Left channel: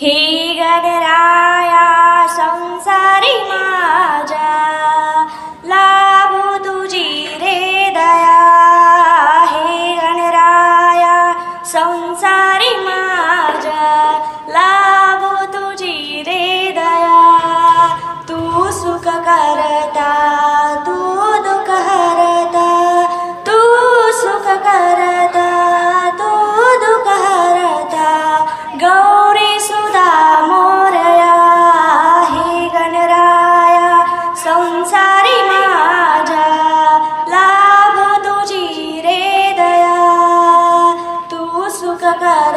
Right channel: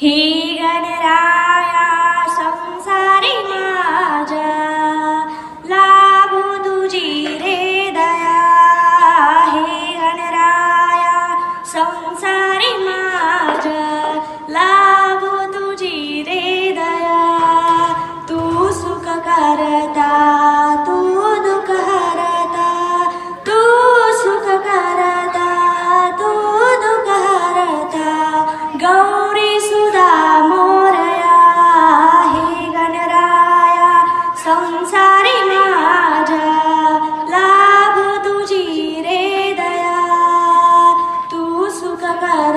ही गणराया संसारी माझ्या I tocar